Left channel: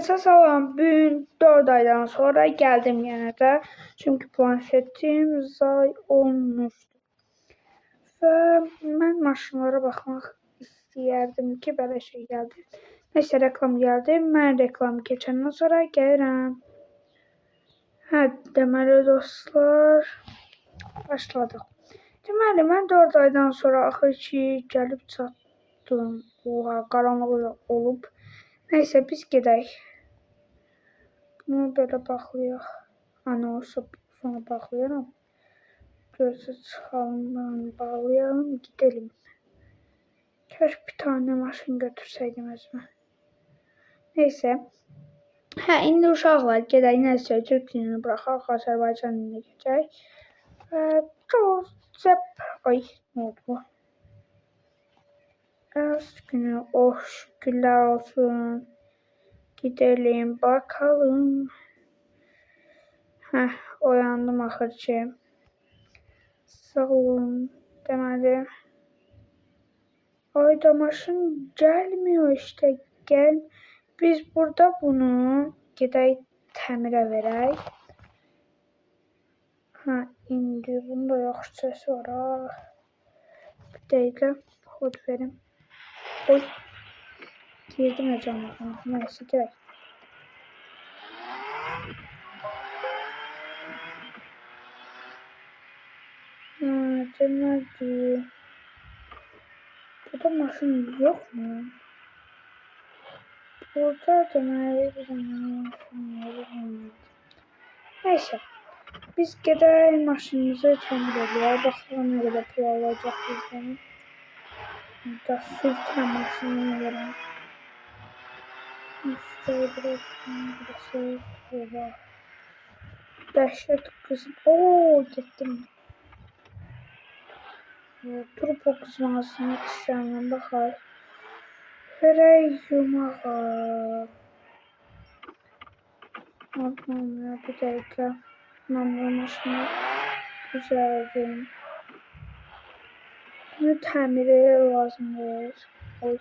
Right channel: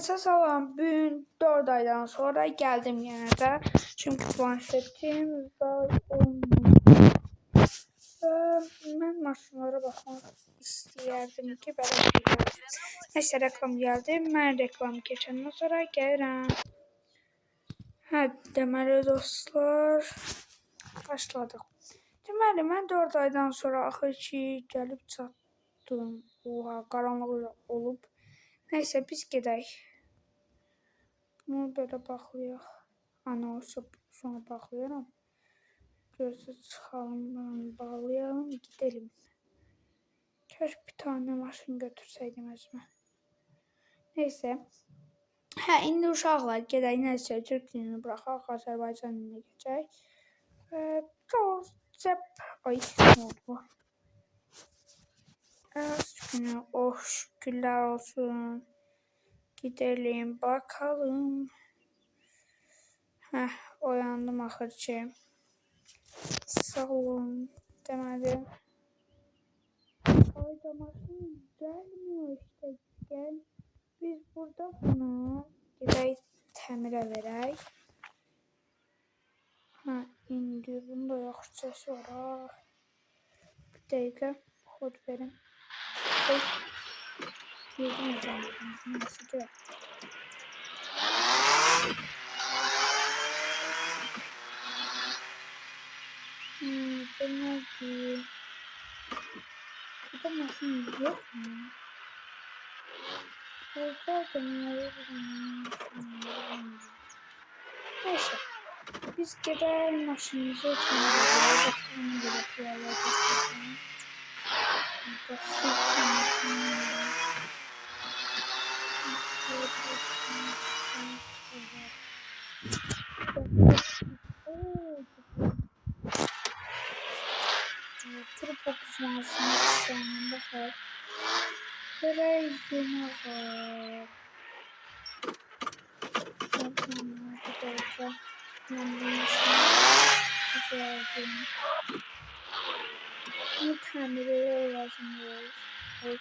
Salam, bugün 4 aydan sonra geldim yine de. Çünkü planşetim zay olmuş. Ve ben maşınlara bakmaq istəyərdim ki, belə şey gəldi. Neyse reklam geldi. Ben reklam geçenden sonra gəlirəm. Hə, deməli dostlar, başladıq. Deməli, mən 4 aydan sonra axır ki, gəlib çatdım. Oha, qaranlıq olub. Neyse, biz gedək. Bunu belə baxlayaq. Ana olsa sonra baxlayarım. Gözü çıxalım, bağlayalım, gidelim. Keşke bir tane maşın götürseydim özümə. Neyse. Hə, indi uşaqlar gedək, nəsə Türk dilini buraxaq, Azərbaycan dilinə keçək. Ay, nə oldu bu? Az günü, oh şükürlər olsun. Gidelim bakalım. Heh, oyandım axır ki. Sağ olun. Deməli. Ayda maşın gəlmiyor işte. Gəl. Biz burada bunu gedək təmirə verək. Ha, indi bunda yaxşı səs var ha. Bir dəqiqə kod verim. Oy. Girdim əcəmdən. Neyse gedək. Deməli. Burada maşın yok mu? Burada deməli bir maşın. Neyse. Biz gedək maşınımızı təmir edək. Baxalım nə qədər pul alacaq bizdən. Burada sırtla maşını verin. Dəhşət kızım. Ooo, getdim. Turbo kızmasını istəyəm. Baxaq. Verək yumağa. Bakın bir dakika. Ben bu maşını düzeldim. Bunu tamire lazımdır. Oy.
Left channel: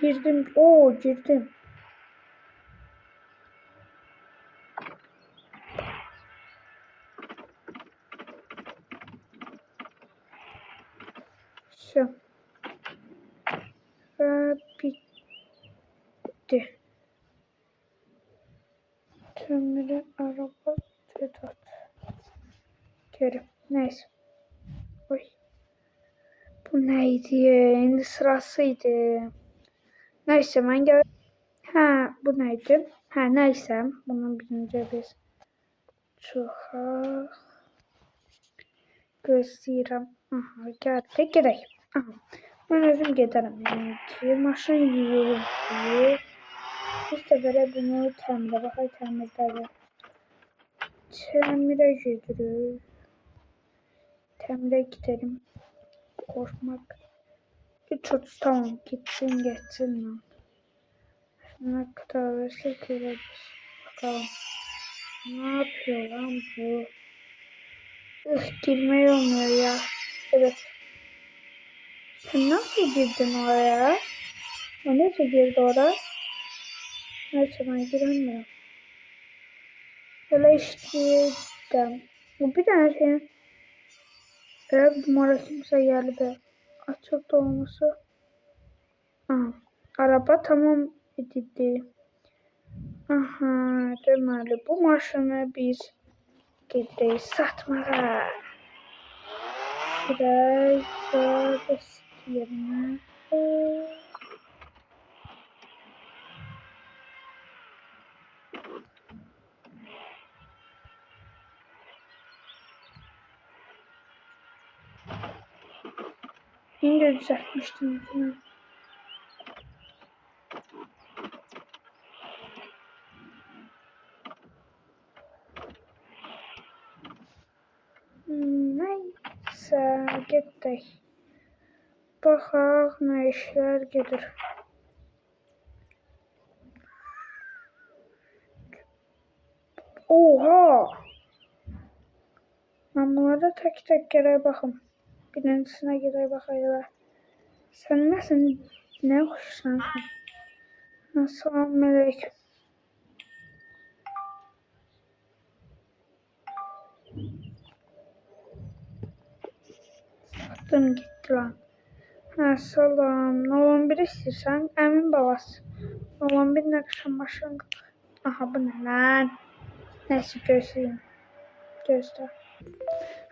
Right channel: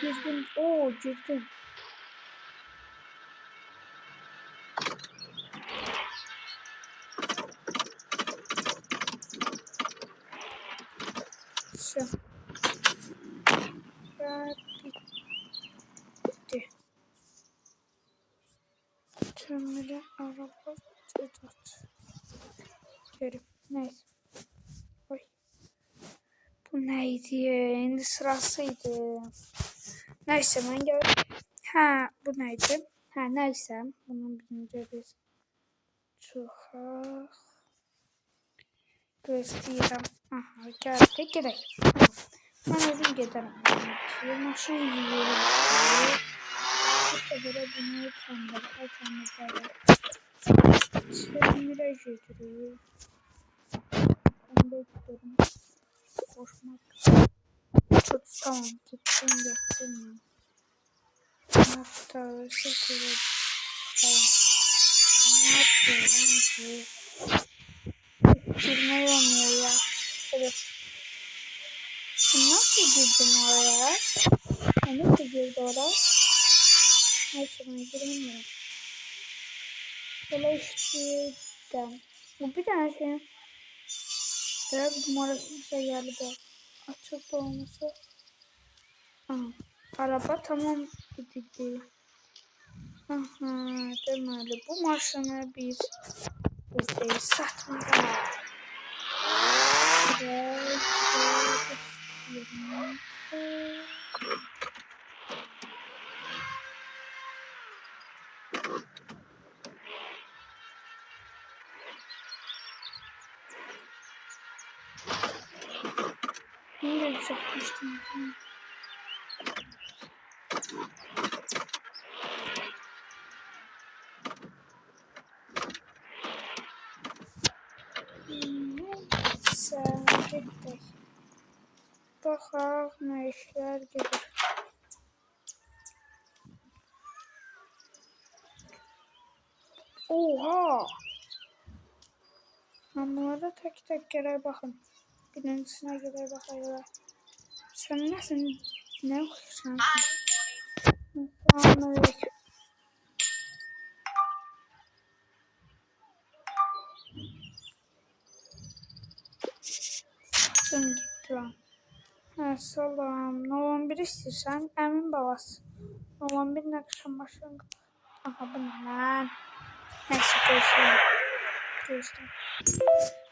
Girdim. Oo, girdim. Все. Bitti. Tamire araba Sedat. Geri. Neyse. Oy. Bu neydi? İndi sırasıydı. Neyse ben gel. Ha, bu neydi? Ha, neyse. Bunun birinci biz çıxaq. Gözləyirəm. Aha, gəldi. Gedək. Aha. Mən özüm gedərəm. Yəni ki, maşın yiyildi. Bu səfərə bunu təmirə baxaq, təmirdədir. Təmirə gedirik. Təmirə gidelim. Koşmak. Çok tamam. Gitsin geçsin. Hatta şekilde bakalım. Ne yapıyor lan bu? Girmeyi olmuyor ya. Evet. Sen nasıl girdin oraya? O ne de girdi oraya? Neyse ben giremiyorum. Böyle işte. Bu bir tane şey. Evet, numarasımıza geldi. Açık olması. Aha, araba tamam edildi. Aha, deməli bu maşını biz gedək satmağa. Biraz yerine. İndi düzəltmişdim. Neyse, gedək. Baxaq, nə işlər gedir. Oha! Mən bunlara tək-tək gərək baxım. Birincisine gərək baxayım. Sen nesin? Ne hoşlan? Selamünaleyküm. Saçım gitti lan. Ha, salam. Nolan bir istəyirsən? Əmin babası. Nolan bir nəqşən başlandı. Aha, bu nə lan? Neyse, göster.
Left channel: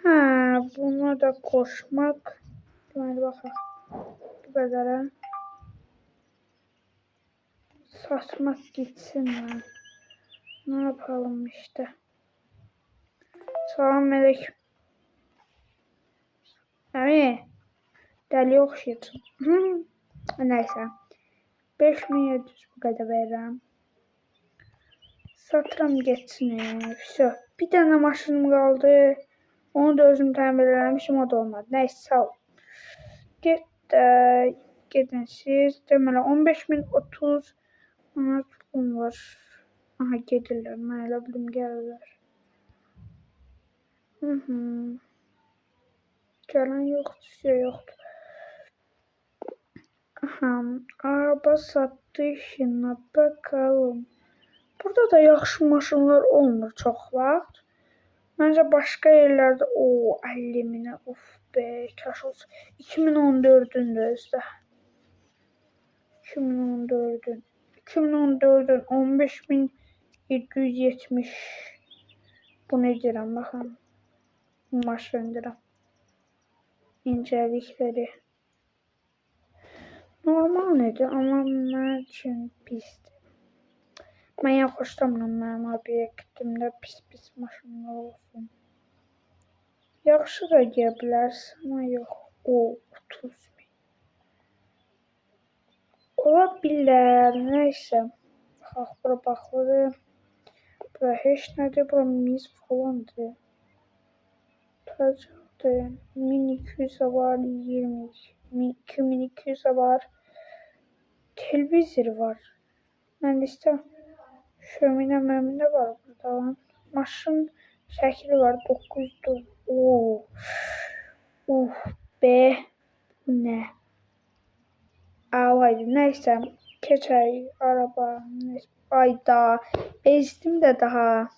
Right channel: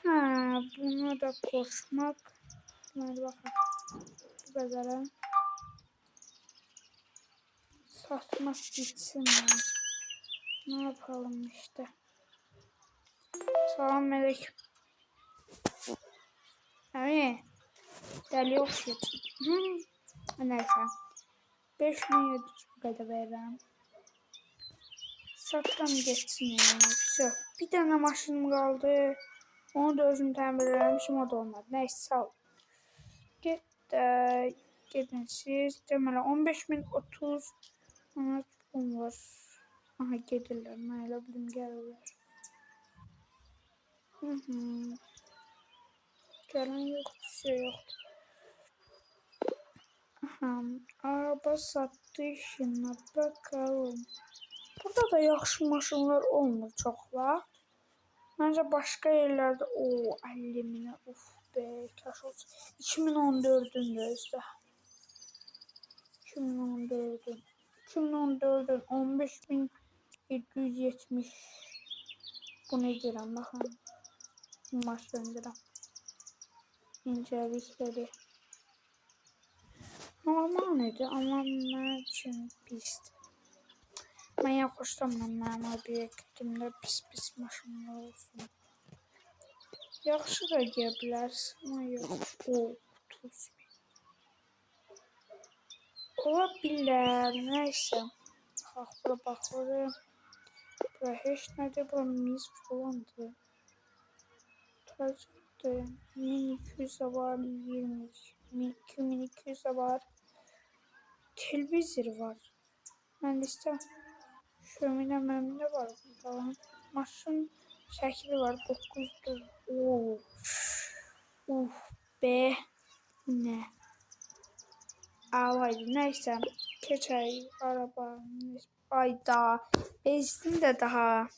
Ha, bunu da koşmak. Hadi bakalım. Bu kadar ha. Satmak gitsin ya. Ne yapalım işte. Selamünaleyküm. Abi. Deli oxşuyatın. Neyse. 5700 bu kadar veririm. Satıram geçsin ya. Все. Bir tane maşınım kaldı. Onu da özüm təmir eləmişim, o da olmadı. Neyse, sağ ol. Gedin siz. Deməli 15030 pulum var. Aha, gedirlər. Mən elə bilim gəlirlər. Gələn yoxdur, şey yoxdur. Aha, araba satışına bakalım. Burada da yaxşı maşınlar olmur çox vaxt. Məncə başqa yerlərdə 50 minə, of be, kaş olsa. 2014-ün də özdə. 2014'ün 15770. Bu ne deyirəm, baxın. Maşındıram. İncelikləri. Normal nedir, amma mən üçün pisdir. Mən yaxşılamıram mənim obyektimdə pis maşınlar olsun. Yaxşı da deyə bilərsən, amma yox. 30 min. Ola bilər, neyse. Bax, bura baxırım. Bura heç nədir, bura mis falandır. Tacaqdır. 1200 var, 2200 var. Televizor var. Mən də istəyirəm. Şöminə məminə var burada. Maşın şəkli var, 900. Be. Bu nə? Alaydı. Neyse. Keçək araba. Ayda. Bezdim də daha.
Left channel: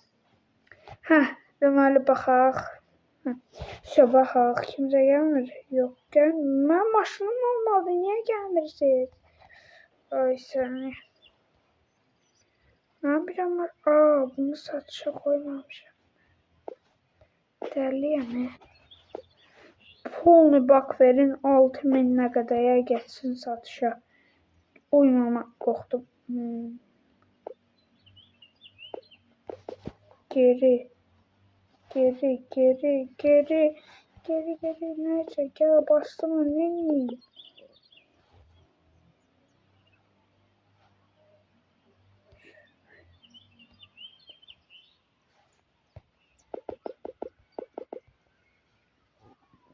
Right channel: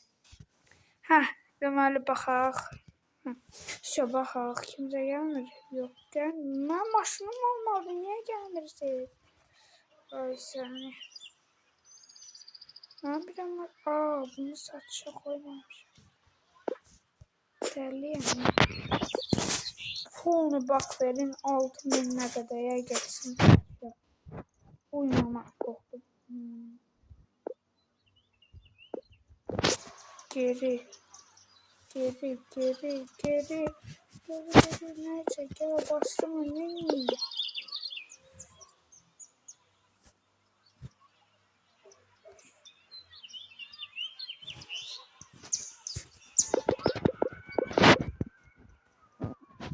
Hə. Deməli baxaq. Şöyle baxaq. Kimsə gəlmir. Yox, gəlmir. Mən maşınım olmadı. Niyə gəlmirsiniz? Ay səni. Mən biləm var. Bunu satışa koymamışım. Dəliyəm. Pulunu bak verin. 6000'e kadar geçsin satışa. Oynamak qorxdum. Geri. Neyse, gel bastım ne?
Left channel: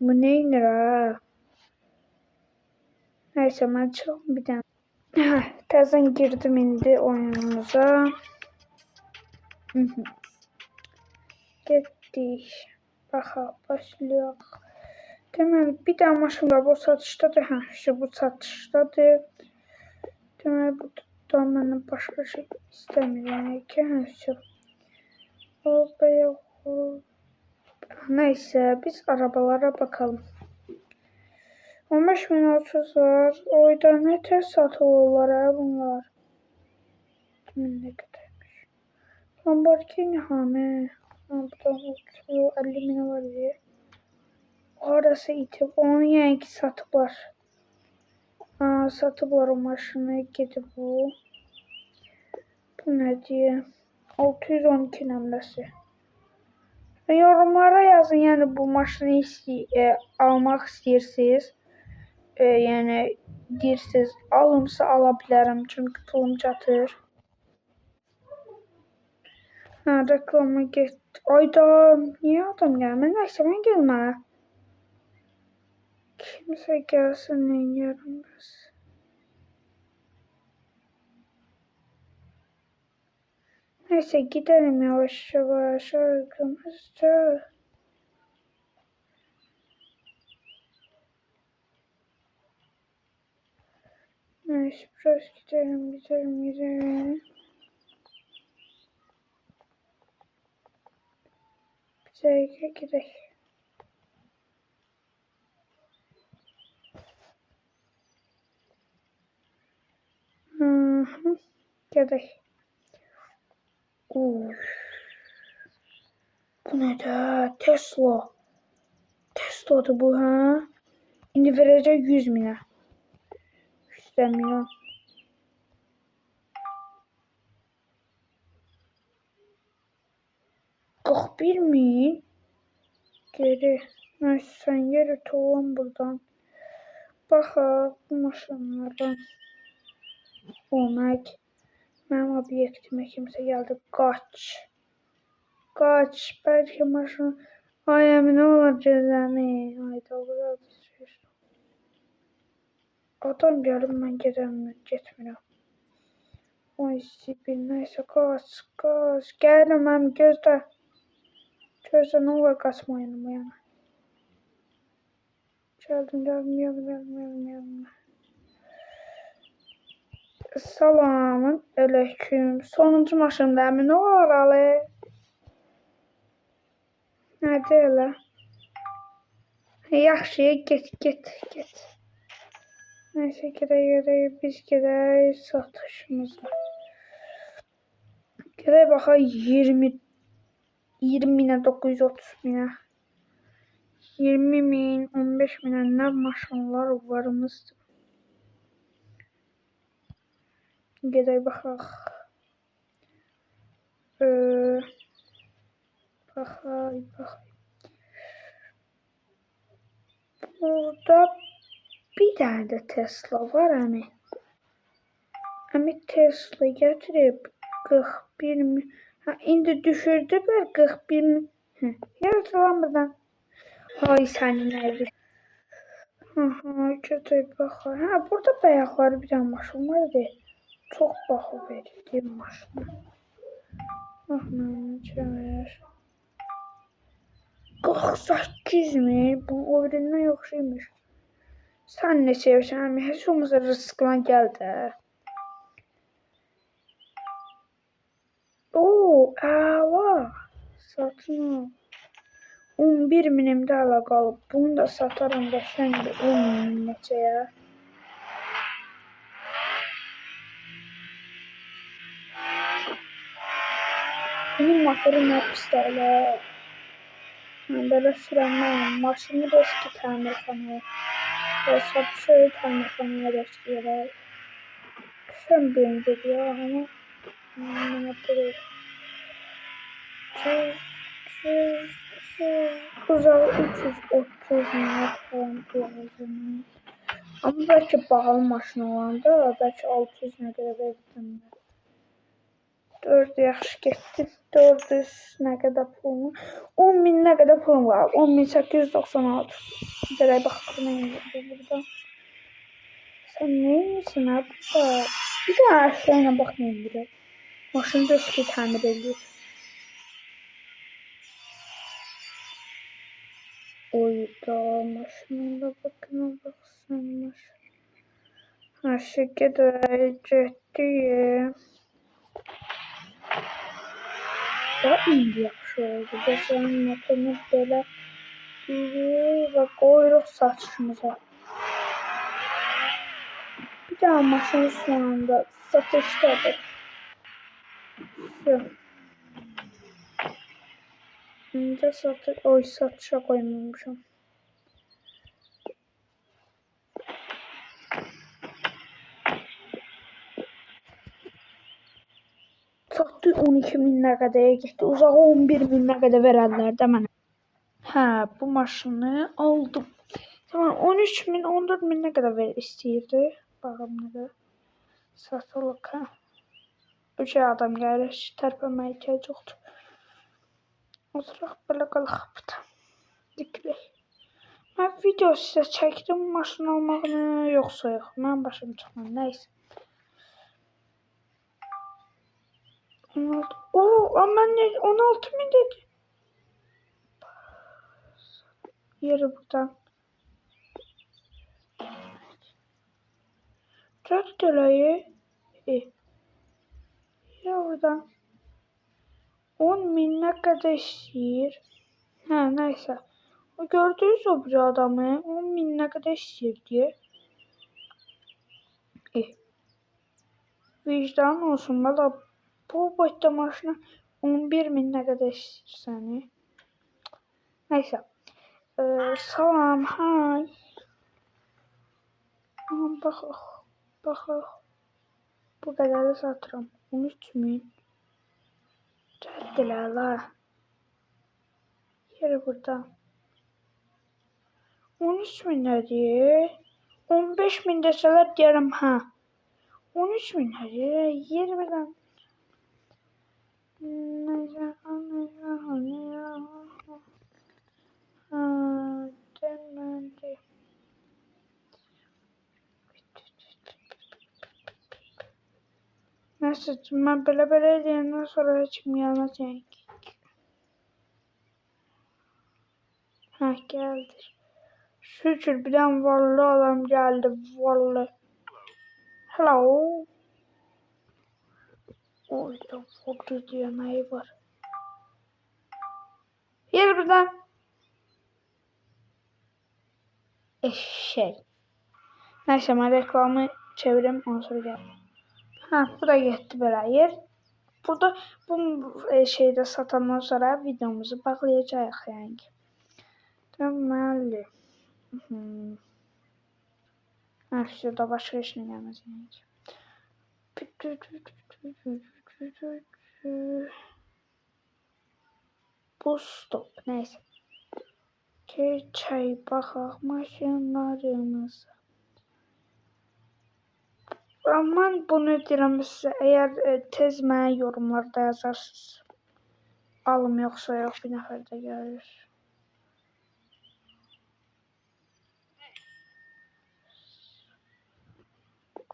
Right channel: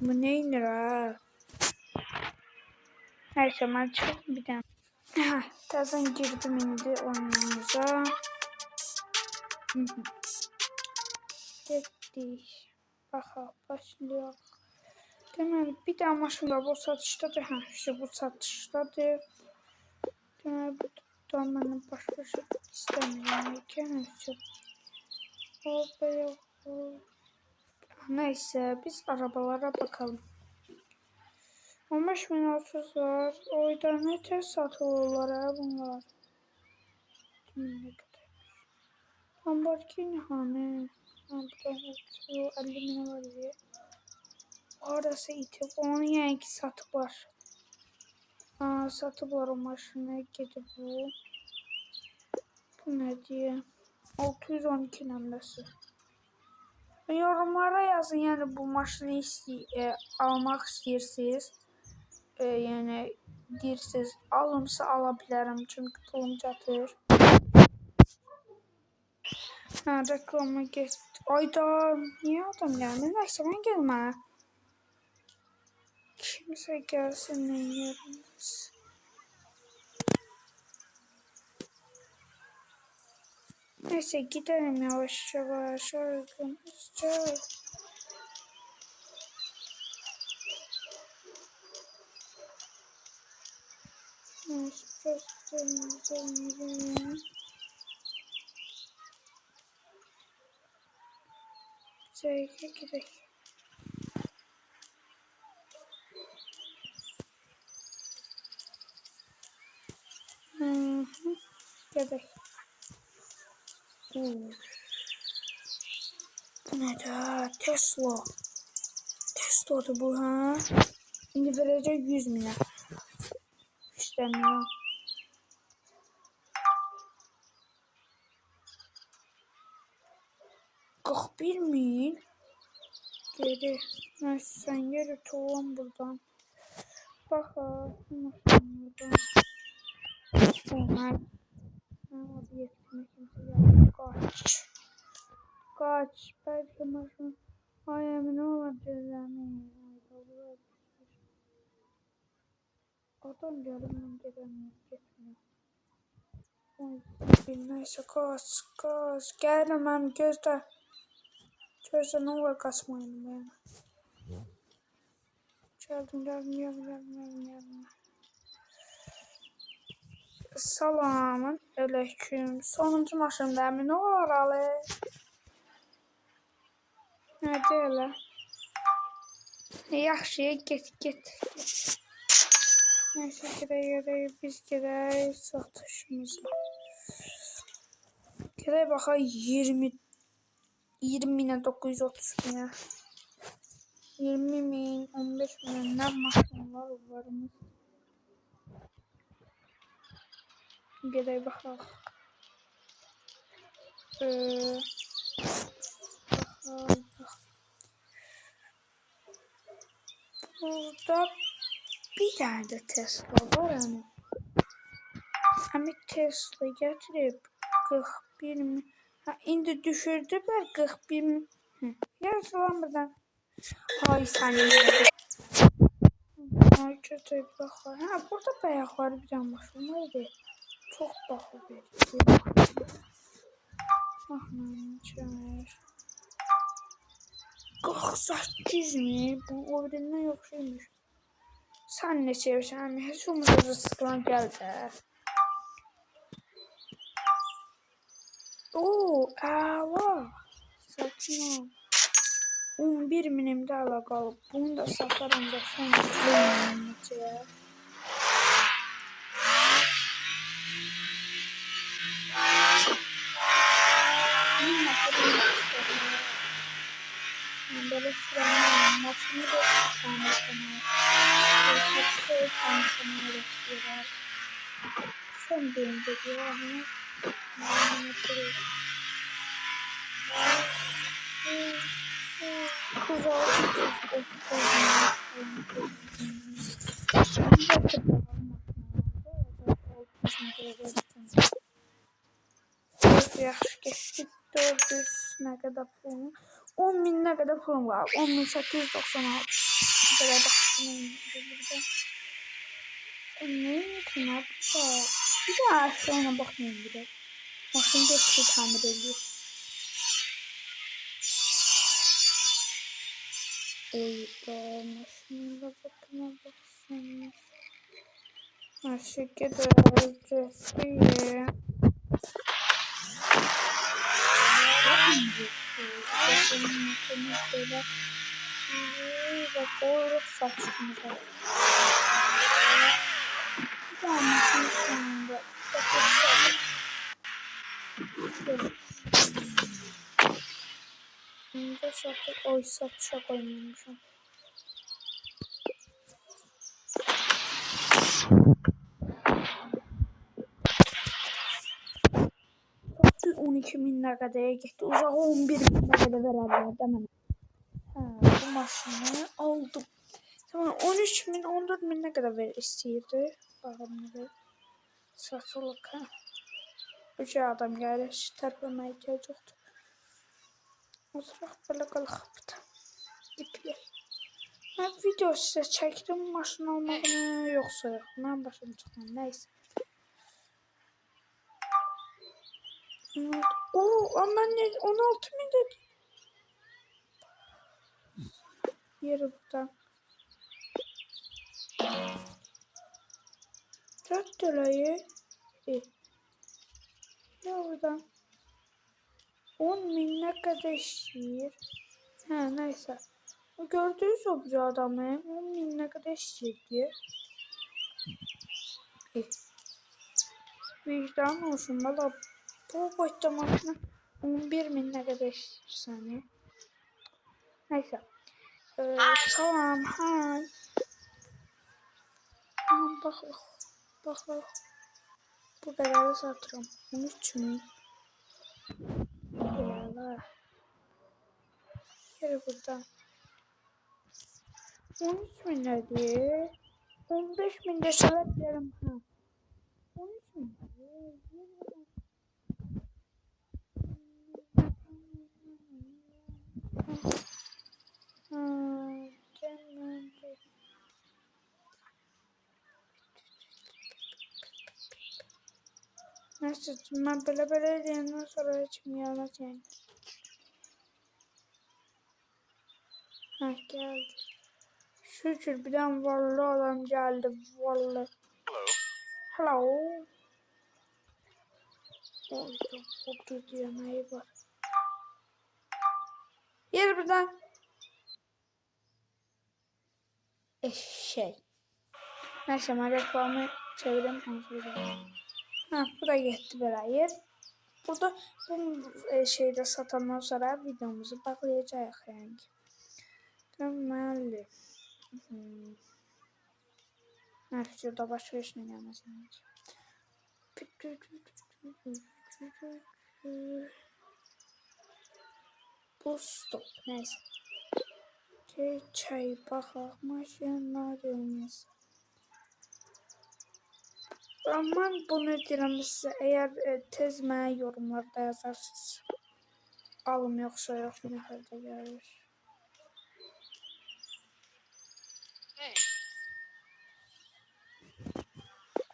Bu neyindir ha? Neyse, ben çıkalım bir tane. Təzən girdim indi oyunumuza. Getdik. Baxaq, başlayaq. Deməli, bir daha maşın var, bu satışdadır. Bu satışdadır. Deməli, bu da məndən başqa şey istəmirəm ki, neyse, biz arabalara bakalım. 15.030 var. Oyda ne tez satılırlar ha bunlar. Ne kadarmış. Lamborghini hani. Burada 50.000 var diye. Orası itib. Onu yani ki satıblar. Satıblar o maşını. Gidib bu. Bu ne diye. 612 nəmləsi. Yorumlara yazın, yani bu maşını almaq istəyirsiniz. Yani deyirsiniz, alımsa ala bilərəm, çünki pulum çatır. Reklama getdi. Ayda, niyə adam gəlmir? Nəysə, mən gəlmə. Kimsə gəlsin, nə yerimiz. Neyse, gidelim yavaş yavaş arkamızca. Neyse biraz gidelim. Bize gidelim. Gidelim. Bu ne de? Tesla. Tesla'dı bu ha. Şimdi verecek 100 milyon. İstemiyorum. Bir min. Geri. Neyse sen yeri tuğlan buradan. Baxa bu maşınlardan. Olmak. Mənim obyektimə kimsə gəldi. Qaç. Bəlkə maşın. Ay əminə olar gözləmi. Ayda o qədər düşür. Adam gəlib mən getmirəm. Oy sibil neysə qaç. Gəlirəm mənim gözlə. Gözlə nə olar qaçmayın yəni. Gəldim. Salamın aleyküm. Sonuncu maşında əmin olalı. Nədir elə? Yaxşı, get. Neyse gedək, biz gedək satışımıza. Gedək baxaq 20 minə 930 minə. 20 min, 15 minə nə maşınlar varımızdır. Gedək baxaq. Baxaq. Burada bir dənə də Tesla var əmi. Əmi Tesla gətirib 41 min. Ha, indi düşürdülər 41 min. Yazılan buradan. Ay səni yerim. Gedək baxaq. Ha, burada bayaqları bir dənə maşın var idi. Çox baha verir maşın. Mən çəmər. 48 mi? Bu o birindən yoxşuymuş. Sən ne sevirsən əmi? Heç olmasa rızıqlan gəl də. Oo, əla. Satın al. 11 minimdə əla qalıb. Bunu da sataram da şəngə 10 min neçəyə. Bunun motoru nə pislər. Böyle sürənməyəm. Maşını da eski təmirxanaya. Oysa köy təmirxanaya bekliyorlar. Sen benim dedi ya ama. Uzağı 330 minat falan koyalım. Ama belki pahalı maşın olanda belki 600 metrede gittim. 4 yaxşı getdi. 400 nə qədər pulum? 10 min nə qədər pulum var? 10.896. Belə baxdım burada. Sen ne için burada? Bir de aşağıya bakmayın bile. Maşını da eski tamir ediyor. Oyda maşınına bakın baksana. Aşağı gidiyor. Daha iyi yaxşı oldu. Benim motorumuz böyle bak koyuruq saçımıza. Bir daha maşın şu anda satıştadır. Şu. Şimdi satışa koymamışım. Satı 12 min nə qədəyə getdi. Uzağı 11 min nə qədər verərlər də mənə. Hə, bu maşını aldım. Tamam 13 min 14 min nə qədər istəyirdi. Baxım nə qədər. Satılıq hə. Üç adam gəlir. Tərpənməyə ehtiyac yoxdur. Oturaq belə qalaq burada. Dikilək. Mən video sizə çəkdim maşın almağını yoxsa yox. Mən başım çıxmam. Nəysə. Aman ne 16 min dedi. Yeri buradan. 4 lirayı. Ya oradan 10.000 ne kadar istiyor? Ha neyse. O gördünüz o bir adamı 10.000 ne kadar istiyor diye. Vicdan olsun valla bu boyutta maşına 11.000 ne kadar istiyor. Neyse. Salam, hay. Baxaq. Bu qədəri satıram. 13.000. Rəddilə la. Yeri burada. 13.000 nədir? 15.000 desələr deyərəm hə. 13.000 nədir? 20'dən. Neyse ben belə deyəndən sonra heç kim gəlməyəcək. Hə, gəldi. Şükür birdən varlı adam gəldi. Varlı. Hello. Oyda vurdu deməyi var. Yer birdən. Eşek. Neyse ben reklamı çevireyim ondan sonra geldim. Ha bu da gitti böyle yer. Burada bu şeyde satandan sonra videomuzu bağlayacağız yani. Deməli. Ha şurada başka işine gelmez yani. Bu stop neyse. Çay bakaq maşınlarımız. Aman bunu deyirəm sizə, əgər tez mənə yorumlarda yazarsınız. Alım yoxsa yox, bir nəfər də görür.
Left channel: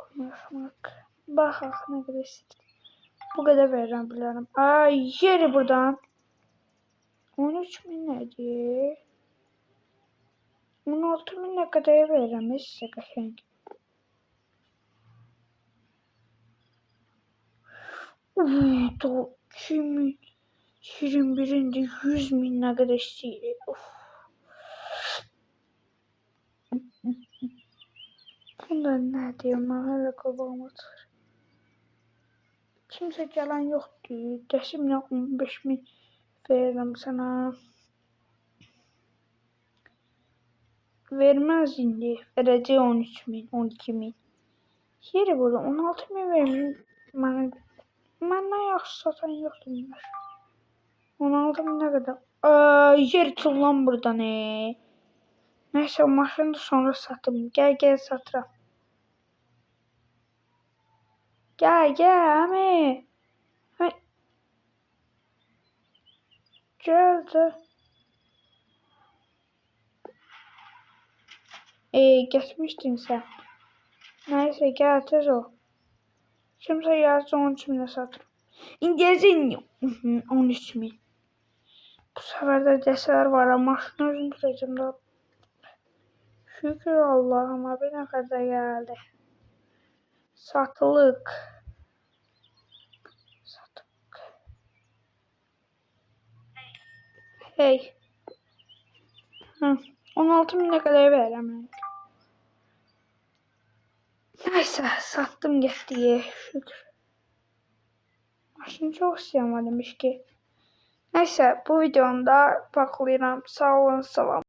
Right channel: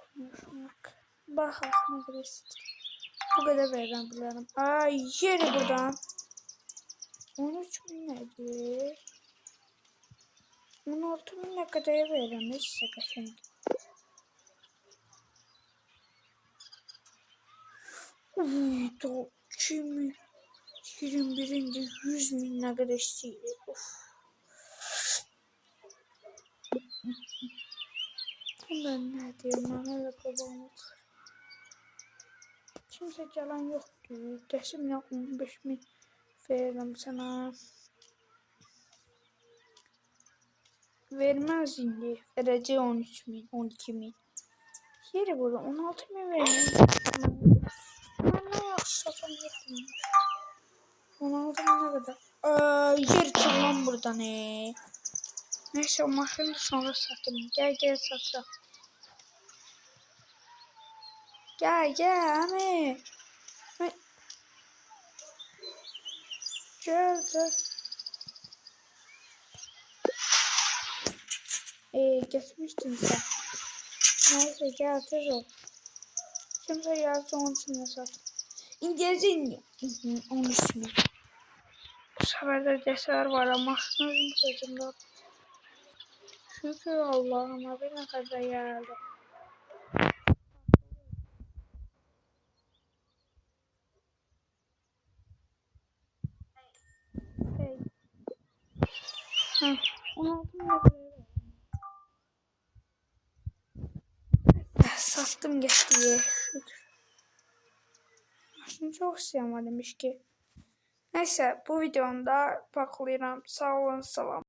Konuşmaq. Baxaq nə qədər istəyir. Bu qədər verəm bilərəm. Ay, yeri buradan. 13.000 nədir? 16.000 nə qədər verəm sizə qəşəng. Uy, da 21'inde 100.000 ne kadar istəyir. Of. Bunlar nə deyim, mən hələ qabağıma çıxır. Kimsə gələn yoxdur. Dəsimlə 15.000 verirəm sana. Verməz indi. Verəcək 13.000, 12.000. Yeri burada 16.000 verməyim. Mən nə yaxşı satan yoxdur. 16.000 ne kadar? Yer çılan buradan Neyse o maşını da sonra satım. Gel satıram. Gel ami. Geldi. Geçmiştin sen. Neyse gel tez ol. Kimse gelse 13.000'e satım. İngilizce 13.000. Bu sefer de deseler var ama maşını özüm kıracımda. Şükür Allah'ıma bir ne kadar geldi. Satılık. Hey. 16.000 ne kadar veremem. Neyse sattım geçti. Şükür. Maşını çok sevmedim ki. Neyse bu videomda bakıyorum. Sağ olun, salam.